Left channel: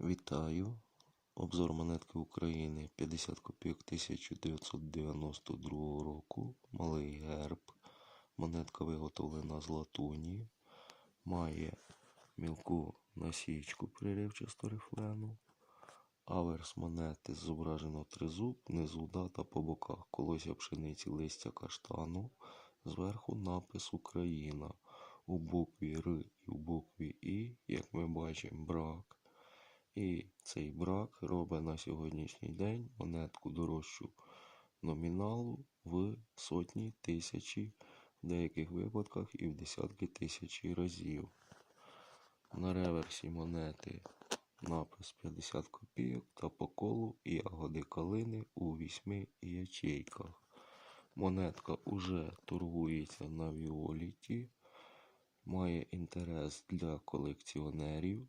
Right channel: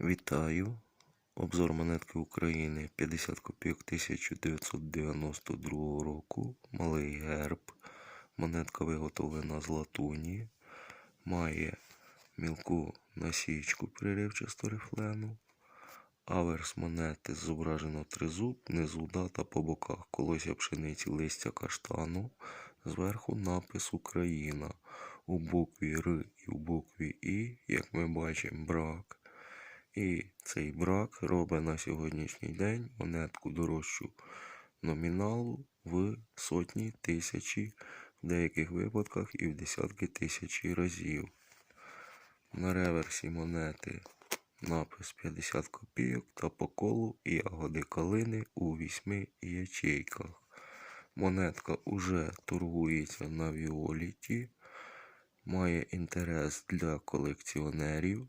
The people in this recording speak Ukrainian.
Вітаю! Обзор монетки України 50 копійок 1992 року. Малий герб. Монетка виготовлена з латуні. Має мілку насічку приривчасту рифлену. Аверс монети зображено тризуб, внизу дата по боках. Колося пшениці листя каштану. Зверху напис Україна. У букві Р і у букві І, як ми бачимо, брак. І цей брак робить на сьогоднішній день монетку дорожчу номіналу в сотні тисячі, в деяких випадках і в десятки тисячі разів. На реверсі монети напис 50 копійок та по колу ягоди калини у вісьми ячейках. Монетка уже торгується на Віоліті, має інтерес для колекціонерів.